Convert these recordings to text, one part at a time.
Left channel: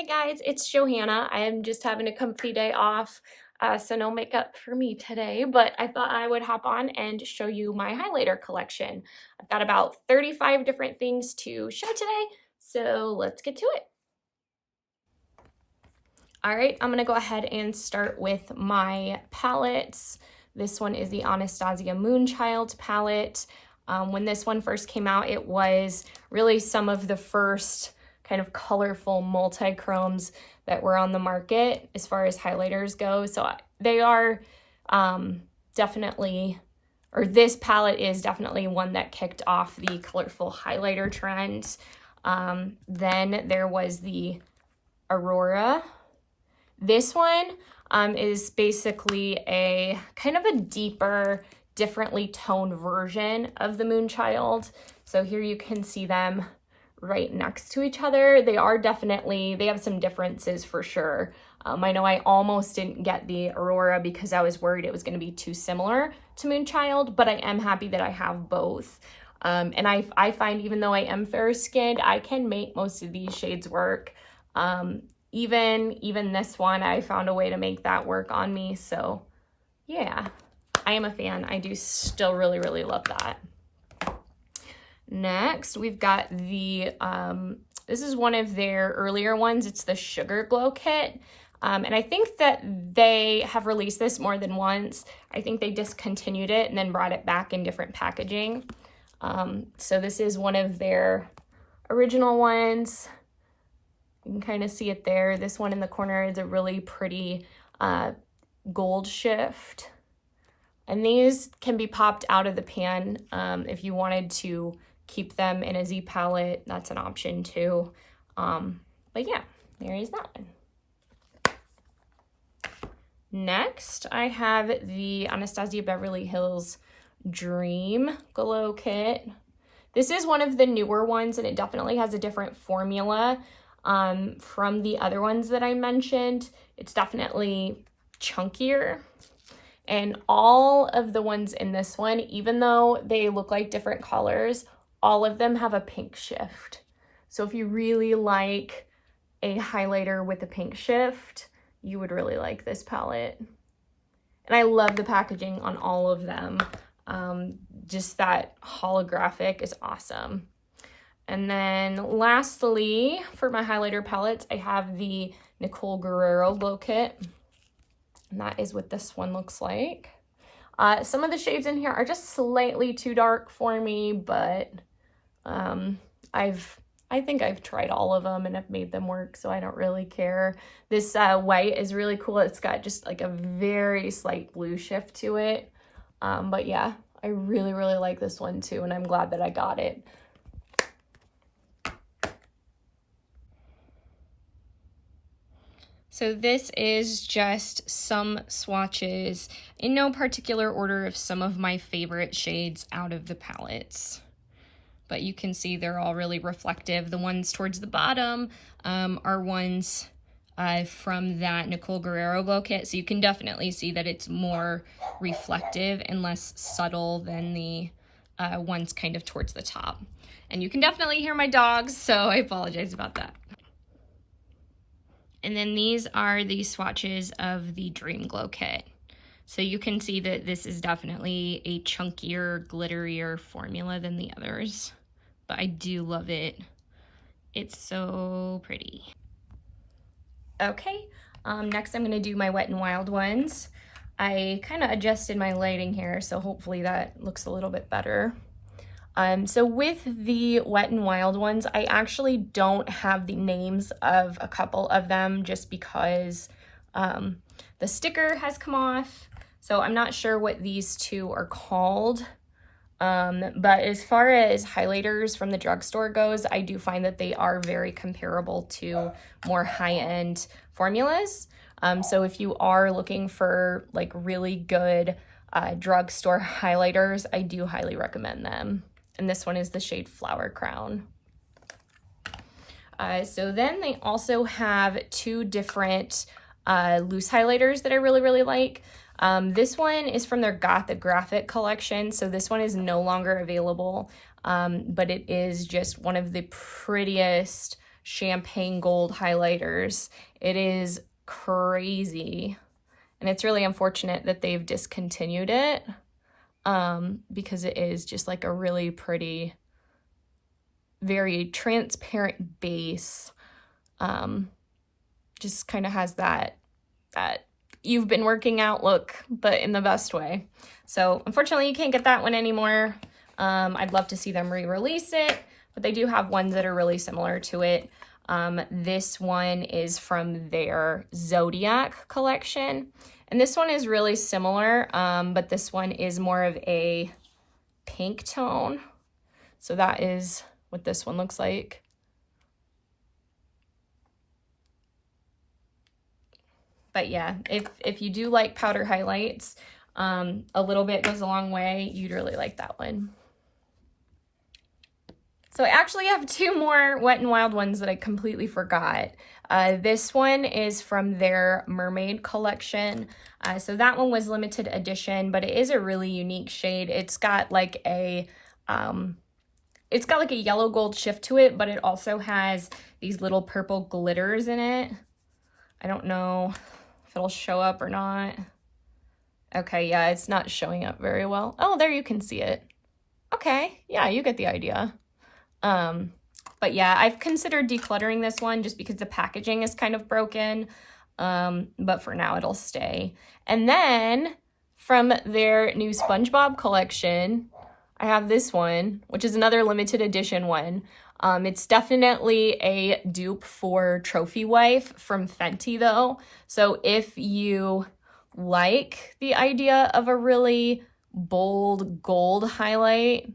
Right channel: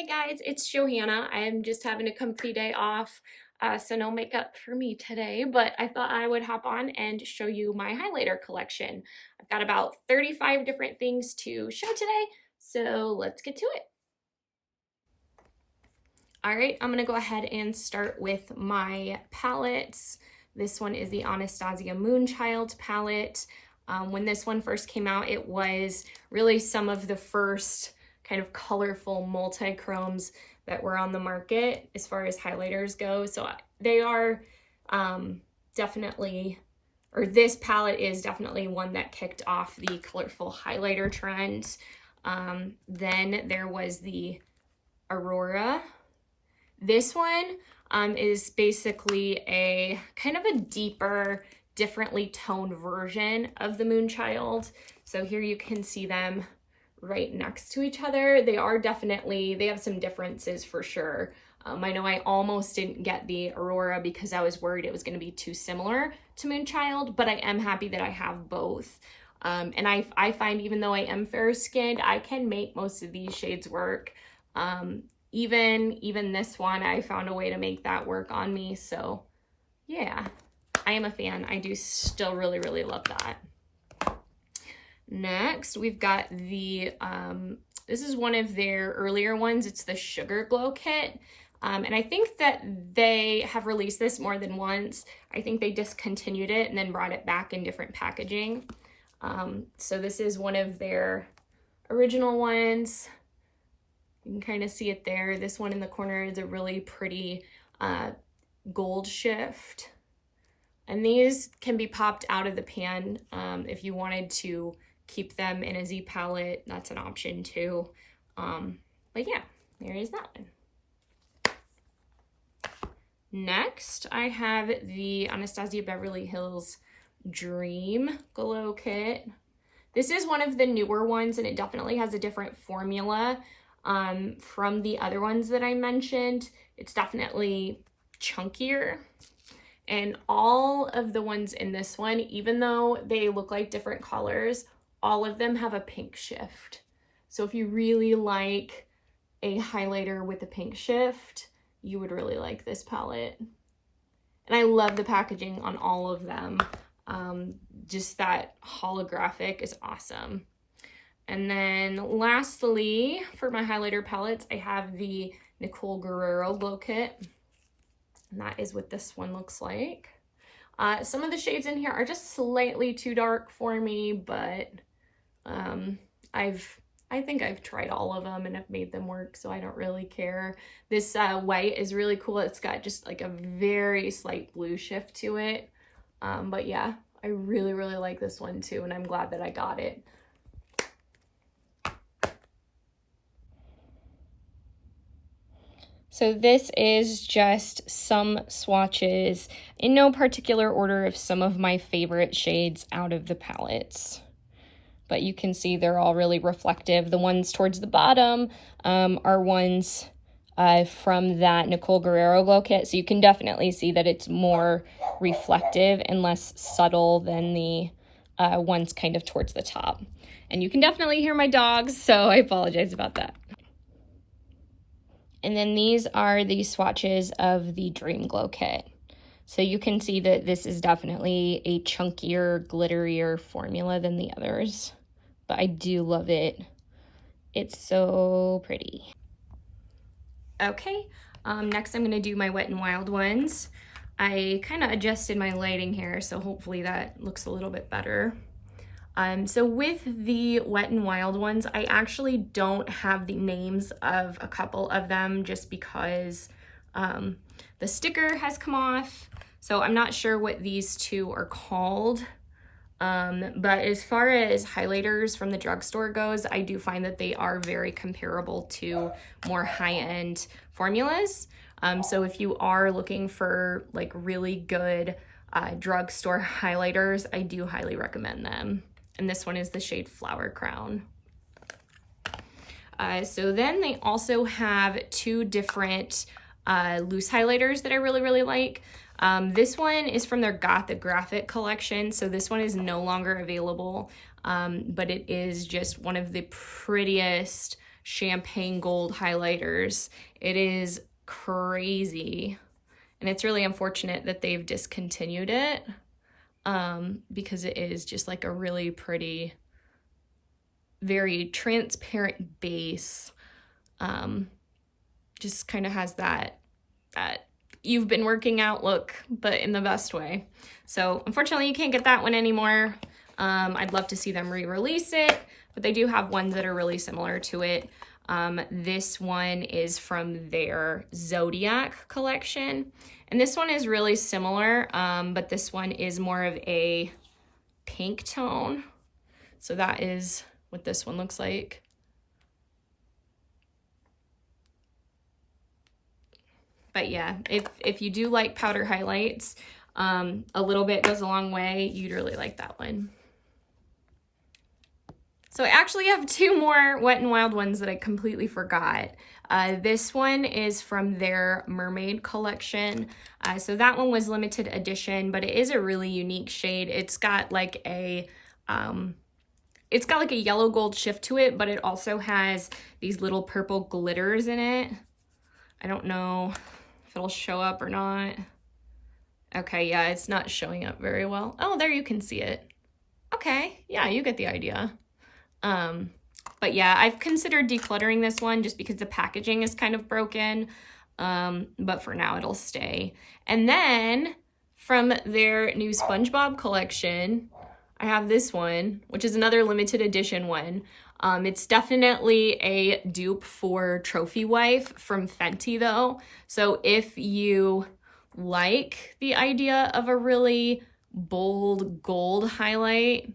Hey guys, it's Johanna. I am just having a comfy day off, so no makeup for me today, but I thought I would hop on and show you my highlighter collection. I've got about 35 different things to show today, so let's get to it. All right, I'm gonna go ahead and start with my palettes. This one is the Anastasia Moonchild palette. When this one first came out, it was really some of the first kind of colorful multi-chromes that were on the market as far as highlighters go. So they are definitely, or this palette is definitely one that kicked off the colorful highlighter trend. Then there was the Aurora. This one is basically a kind of a deeper, differently toned version of the Moonchild. So here you can see them right next to each other. They have some differences for sure. I know I almost didn't get the Aurora because I was worried it was going to be too similar to Moonchild, but I am happy that I have both. And I find even though I am fair skinned, I can make most of these shades work. Even this one, I found a way to make that work on me. So yeah, I am a fan. I do still really, really love that. Next, we've got the, this is one of their earlier ones. It's the Sugar Glow Kit. And I think that they have released this more than once. I think they discontinued it and then brought it back in different packaging. So this is one of their original ones. You can kind of see it there. This one in the corner is a really pretty gold shift. And these can be popped out of the pan if you wanted to keep them in a Z palette. That's an option too. But yeah, there is that one. Next, I have the Anastasia Beverly Hills Dream Glow Kit. This is one of the newer ones, and it definitely has a different formula from the other ones that I mentioned. It's definitely chunkier. And all of the ones in this one, even though they look like different colors, all of them have a pink shift. So if you really like a highlighter with a pink shift, you would really like this palette. And I love the packaging on all of them. Just that holographic is awesome. And then lastly, for my highlighter palettes, I have the Nicole Guerrero Glow Kit. And that is what this one looks like. Some of the shades in here are just slightly too dark for me, but I think I've tried all of them and have made them work, so I don't really care. This white is really cool. It's got just like a very slight blue shift to it. But yeah, I really, really like this one too, and I'm glad that I got it. So this is just some swatches in no particular order of some of my favorite shades out of the palettes. But you can see they're all really reflective. The ones towards the bottom are ones from that Nicole Guerrero Glow Kit. So you can definitely see that it's more reflective and less subtle than the ones kind of towards the top. And you can definitely hear my dogs, so I apologize about that. And then these are the swatches of the Dream Glow Kit. So you can see that this is definitely a chunkier, glitterier formula than the others. But I do love it. It's so pretty. Okay, next I'm gonna do my Wet n Wild ones. I kind of adjusted my lighting here, so hopefully that looks a little bit better. So with the Wet n Wild ones, I actually don't have the names of a couple of them just because the sticker has come off. So I'm not sure what these two are called. But as far as highlighters from the drugstore goes, I do find that they are very comparable to more high-end formulas. So if you are looking for like really good drugstore highlighters, I do highly recommend them. And this one is the shade Flower Crown. So then they also have two different loose highlighters that I really, really like. This one is from their Gothographic collection, so this one is no longer available, but it is just one of the prettiest champagne gold highlighters. It is crazy. And it's really unfortunate that they've discontinued it because it is just like a really pretty, very transparent base. Just kind of has that you've been working out look, but in the best way. So unfortunately you can't get that one anymore. I'd love to see them re-release it, but they do have ones that are really similar to it. This one is from their Zodiac collection. And this one is really similar, but this one is more of a pink tone. So that is what this one looks like. But yeah, if you do like powder highlights, a little bit goes a long way. You'd really like that one. So I actually have two more Wet n Wild ones that I completely forgot. This one is from their Mermaid collection. So that one was limited edition, but it is a really unique shade. It's got like a yellow gold shift to it, but it also has these little purple glitters in it. I don't know if it'll show up or not. Okay, yeah, it's not showing up very well. Oh, there you can see it. Okay, yeah, you get the idea. But yeah, I've considered decluttering this one just because the packaging is kind of broken. But for now it'll stay. And then from their new SpongeBob collection, I have this one, which is another limited edition one. It's definitely a dupe for Trophy Wife from Fenty though. So if you like the idea of a really bold gold highlight,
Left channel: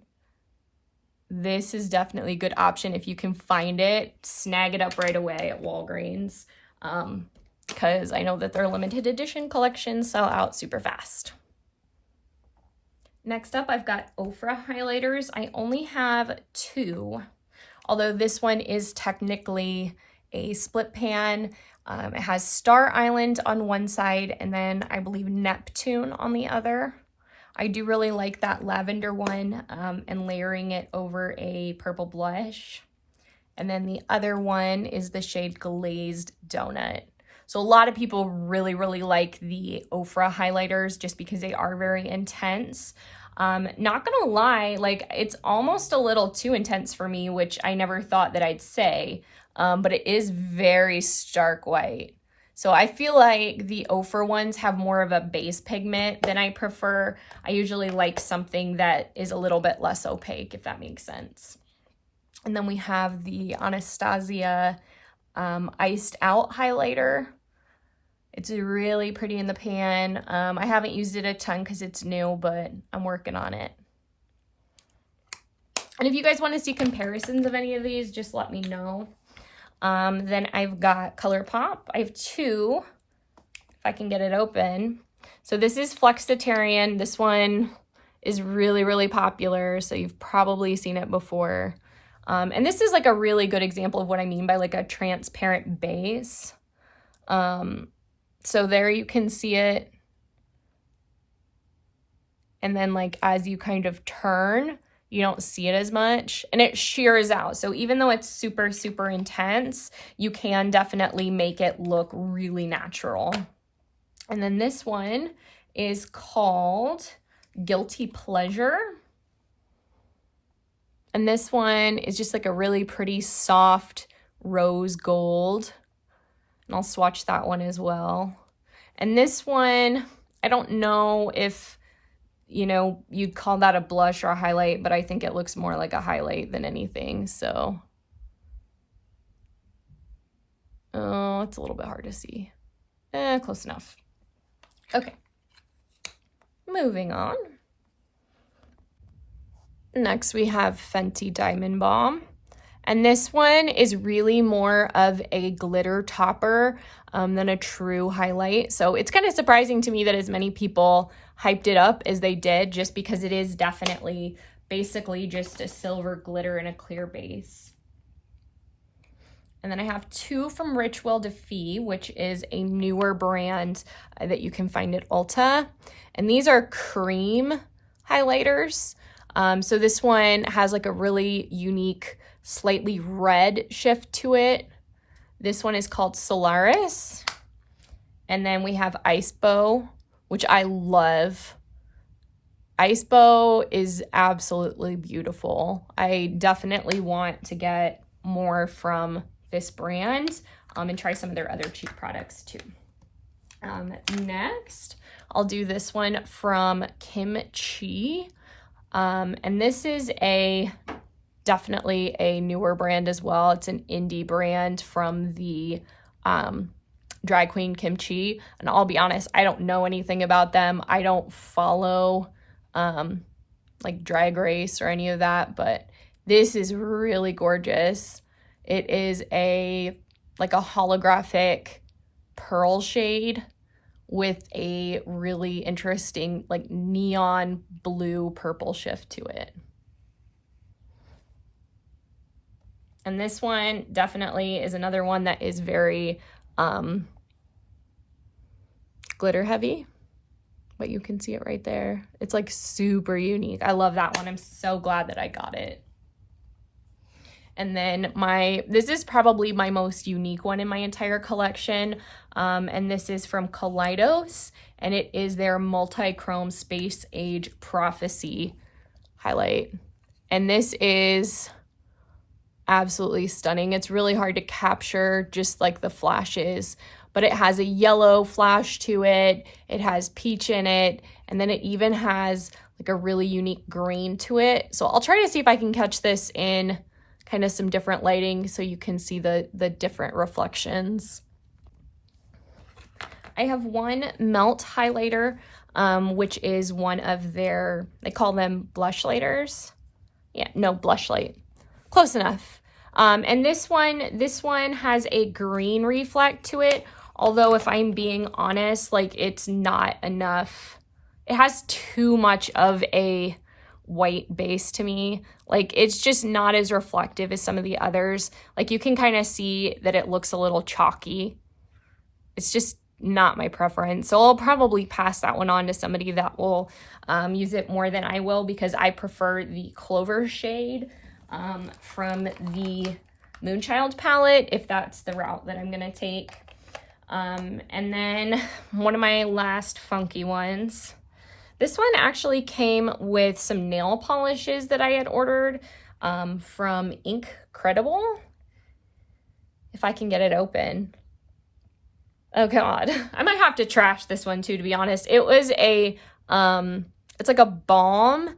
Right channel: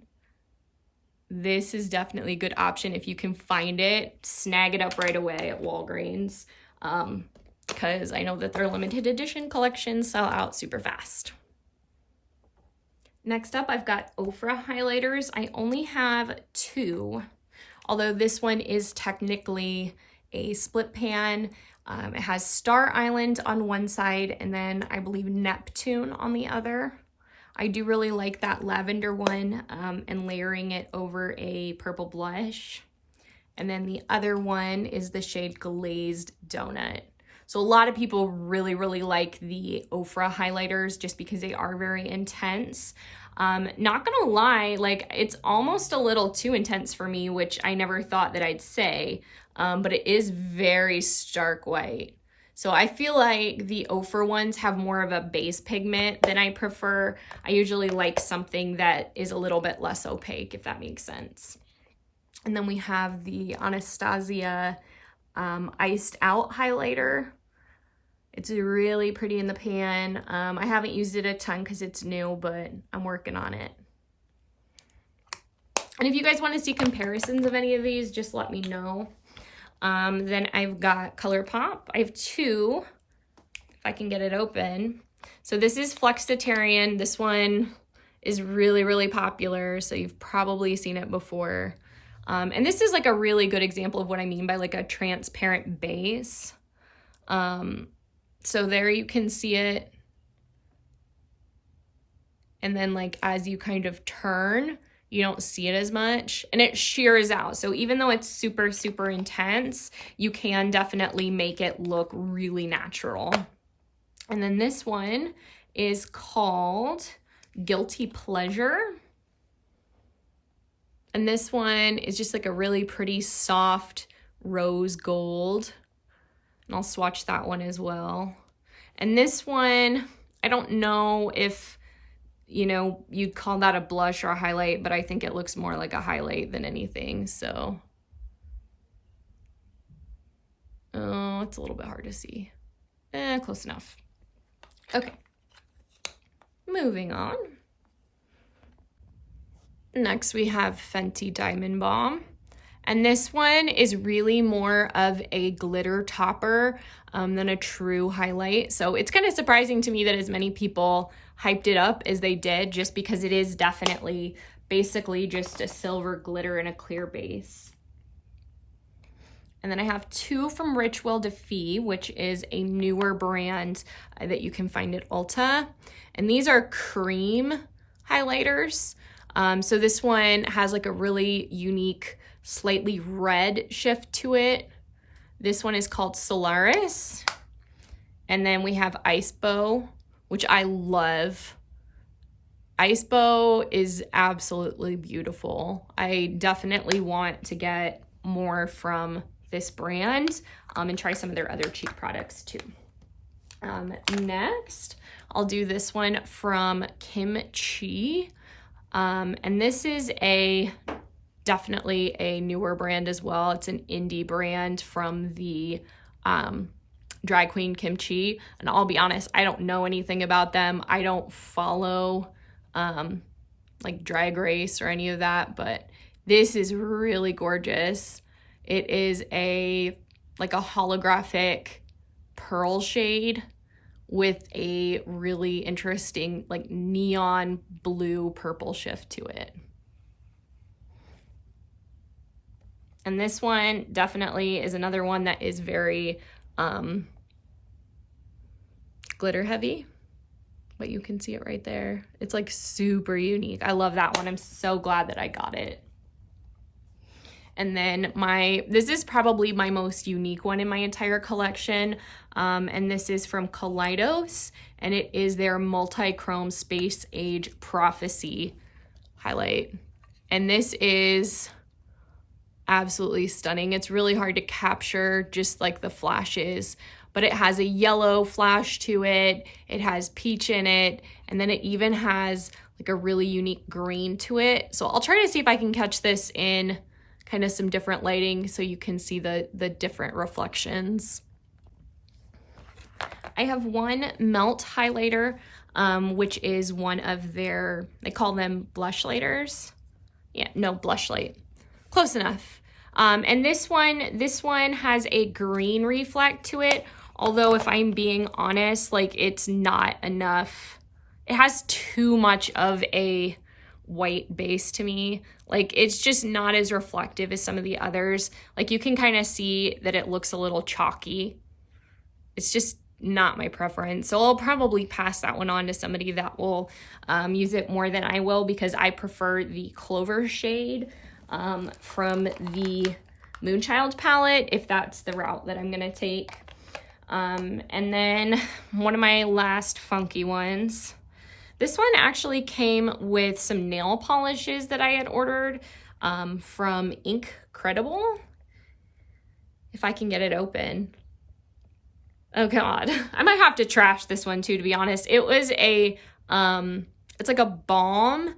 this is definitely a good option. If you can find it, snag it up right away at Walgreens, because I know that their limited edition collections sell out super fast. Next up, I've got Ofra highlighters. I only have two, although this one is technically a split pan. It has Star Island on one side and then I believe Neptune on the other. I do really like that lavender one and layering it over a purple blush. And then the other one is the shade Glazed Donut. So a lot of people really, really like the Ofra highlighters just because they are very intense. Not gonna lie, like it's almost a little too intense for me, which I never thought that I'd say, but it is very stark white. So I feel like the Ofra ones have more of a base pigment than I prefer. I usually like something that is a little bit less opaque, if that makes sense. And then we have the Anastasia Iced Out highlighter. It's really pretty in the pan. I haven't used it a ton because it's new, but I'm working on it. And if you guys want to see comparisons of any of these, just let me know. Then I've got ColourPop. I have two, if I can get it open. So this is Flexitarian. This one is really, really popular, so you've probably seen it before. And this is like a really good example of what I mean by like a transparent base. So there you can see it. And then like as you kind of turn, you don't see it as much and it shears out. So even though it's super, super intense, you can definitely make it look really natural. And then this one is called Guilty Pleasure. And this one is just like a really pretty soft rose gold. And I'll swatch that one as well. And this one, I don't know if, you know, you'd call that a blush or a highlight, but I think it looks more like a highlight than anything, so. Oh, it's a little bit hard to see. Close enough. Okay. Moving on. Next, we have Fenty Diamond Balm. And this one is really more of a glitter topper than a true highlight. So it's kind of surprising to me that as many people hyped it up as they did, just because it is definitely basically just a silver glitter and a clear base. And then I have two from Rich Well Defee, which is a newer brand that you can find at Ulta. And these are cream highlighters. So this one has like a really unique slightly red shift to it. This one is called Solaris. And then we have Ice Bow, which I love. Ice Bow is absolutely beautiful. I definitely want to get more from this brand and try some of their other cheap products too. Next, I'll do this one from Kimchi. And this is definitely a newer brand as well. It's an indie brand from the Drag Queen Kimchi. And I'll be honest, I don't know anything about them. I don't follow like Drag Race or any of that, but this is really gorgeous. It is like a holographic pearl shade with a really interesting like neon blue purple shift to it. And this one definitely is another one that is very glitter heavy, but you can see it right there. It's like super unique. I love that one. I'm so glad that I got it. And then this is probably my most unique one in my entire collection. And this is from Kaleidos, and it is their multi-chrome Space Age Prophecy highlight. And this is absolutely stunning. It's really hard to capture just like the flashes, but it has a yellow flash to it. It has peach in it. And then it even has like a really unique green to it. So I'll try to see if I can catch this in kind of some different lighting so you can see the different reflections. I have one Melt highlighter, which is one of their, they call them blush lighters. Yeah, no, blush light. Close enough. And this one has a green reflect to it. Although if I'm being honest, like it's not enough. It has too much of a white base to me. Like it's just not as reflective as some of the others. Like you can kind of see that it looks a little chalky. It's just not my preference. So I'll probably pass that one on to somebody that will use it more than I will, because I prefer the Clover shade from the Moonchild palette, if that's the route that I'm gonna take. And then one of my last funky ones. This one actually came with some nail polishes that I had ordered from Incredible. If I can get it open. Oh God, I might have to trash this one too, to be honest. It was it's like a balm,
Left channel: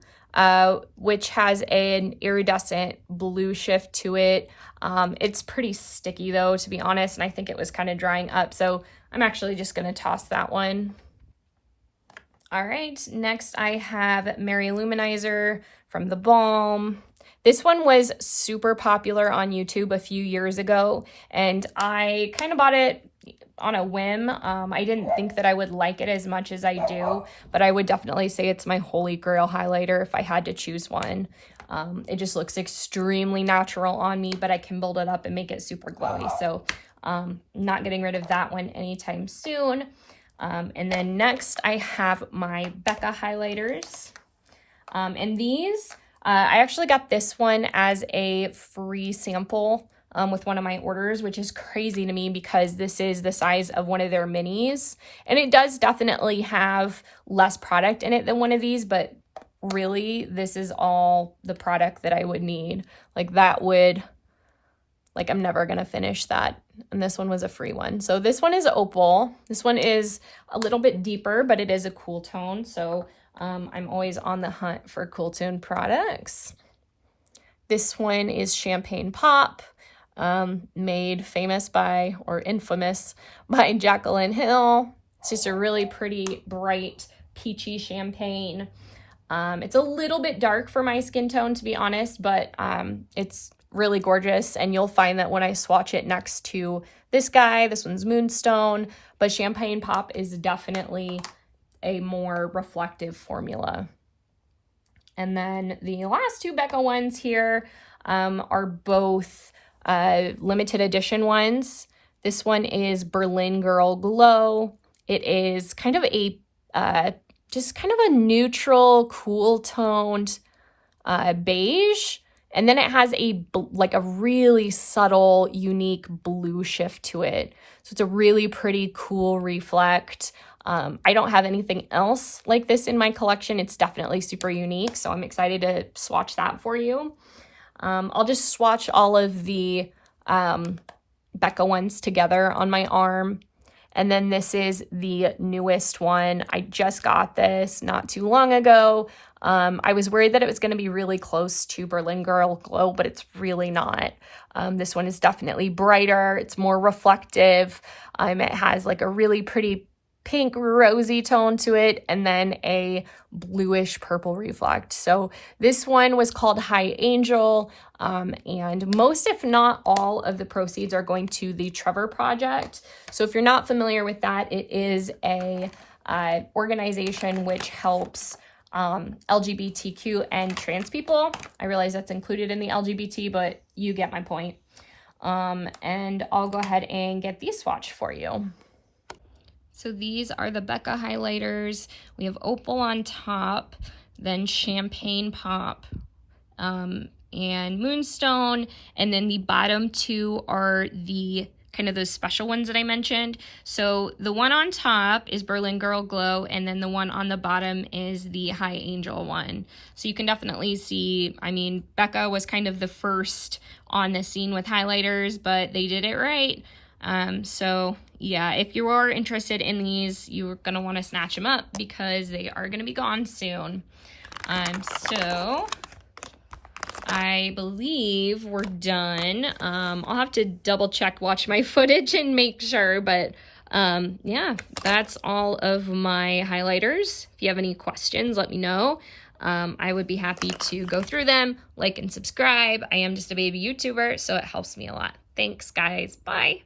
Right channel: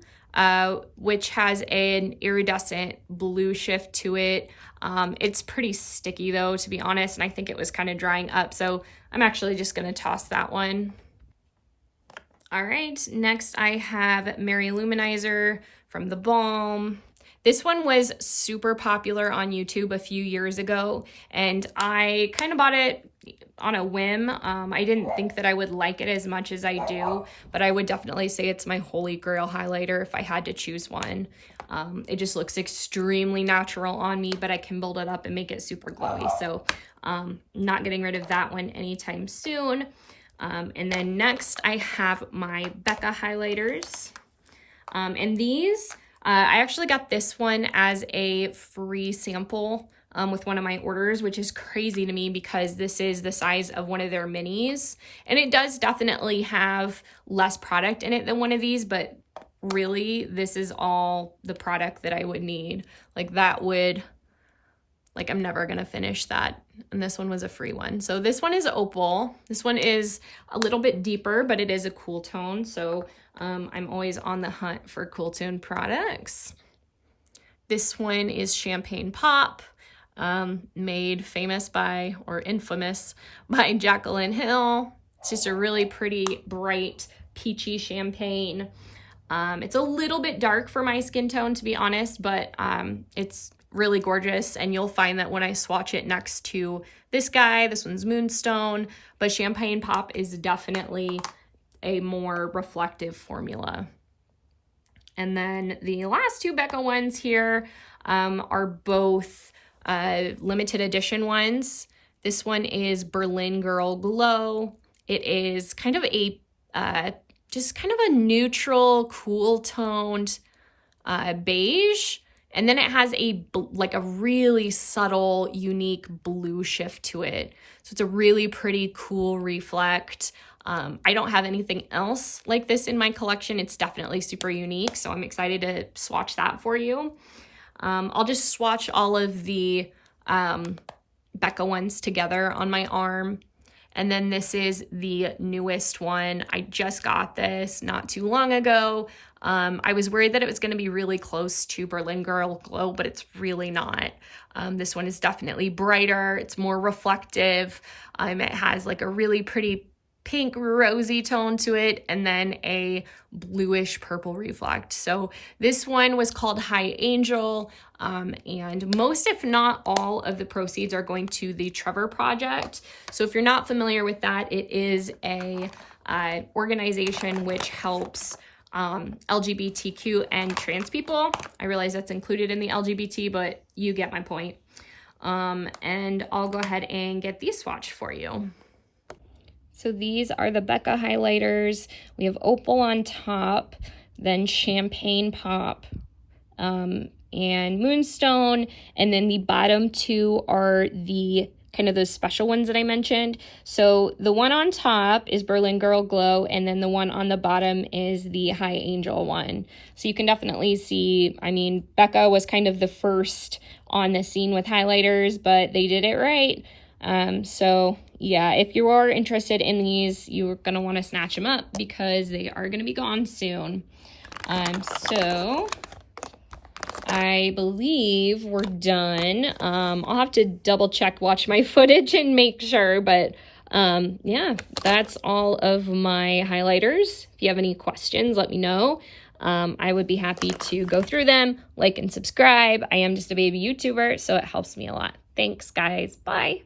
which has an iridescent blue shift to it. It's pretty sticky though, to be honest, and I think it was kind of drying up. So I'm actually just gonna toss that one. All right, next I have Mary Luminizer from the Balm. This one was super popular on YouTube a few years ago, and I kind of bought it on a whim. I didn't think that I would like it as much as I do, but I would definitely say it's my holy grail highlighter if I had to choose one. It just looks extremely natural on me, but I can build it up and make it super glowy. So not getting rid of that one anytime soon. And then next I have my Becca highlighters. And these, I actually got this one as a free sample with one of my orders, which is crazy to me because this is the size of one of their minis. And it does definitely have less product in it than one of these, but really this is all the product that I would need. Like that would, like I'm never gonna finish that. And this one was a free one. So this one is Opal. This one is a little bit deeper, but it is a cool tone. So I'm always on the hunt for cool tone products. This one is Champagne Pop, made famous by, or infamous by, Jaclyn Hill. It's just a really pretty, bright, peachy champagne. It's a little bit dark for my skin tone, to be honest, but it's really gorgeous. And you'll find that when I swatch it next to this guy, this one's Moonstone, but Champagne Pop is definitely a more reflective formula. And then the last two Becca ones here are both limited edition ones. This one is Berlin Girl Glow. It is kind of a just kind of a neutral, cool toned beige, And then it has like a really subtle, unique blue shift to it. So it's a really pretty cool reflect. I don't have anything else like this in my collection. It's definitely super unique, so I'm excited to swatch that for you. I'll just swatch all of the Becca ones together on my arm. And then this is the newest one. I just got this not too long ago. I was worried that it was going to be really close to Berlin Girl Glow, but it's really not. This one is definitely brighter. It's more reflective. It has like a really pretty pink rosy tone to it, and then a bluish purple reflect. So this one was called High Angel, and most, if not all, of the proceeds are going to the Trevor Project. So if you're not familiar with that, it is a organization which helps LGBTQ and trans people. I realize that's included in the LGBT, but you get my point. And I'll go ahead and get these swatched for you. So these are the Becca highlighters. We have Opal on top, then Champagne Pop, and Moonstone, and then the bottom two are the kind of those special ones that I mentioned. So the one on top is Berlin Girl Glow, and then the one on the bottom is the High Angel one. So you can definitely see, I mean, Becca was kind of the first on the scene with highlighters, but they did it right. So yeah, if you are interested in these, you're going to want to snatch them up because they are going to be gone soon. So I believe we're done. I'll have to double check, watch my footage and make sure, but yeah, that's all of my highlighters. If you have any questions, let me know. I would be happy to go through them, like and subscribe. I am just a baby YouTuber, so it helps me a lot. Thanks, guys. Bye.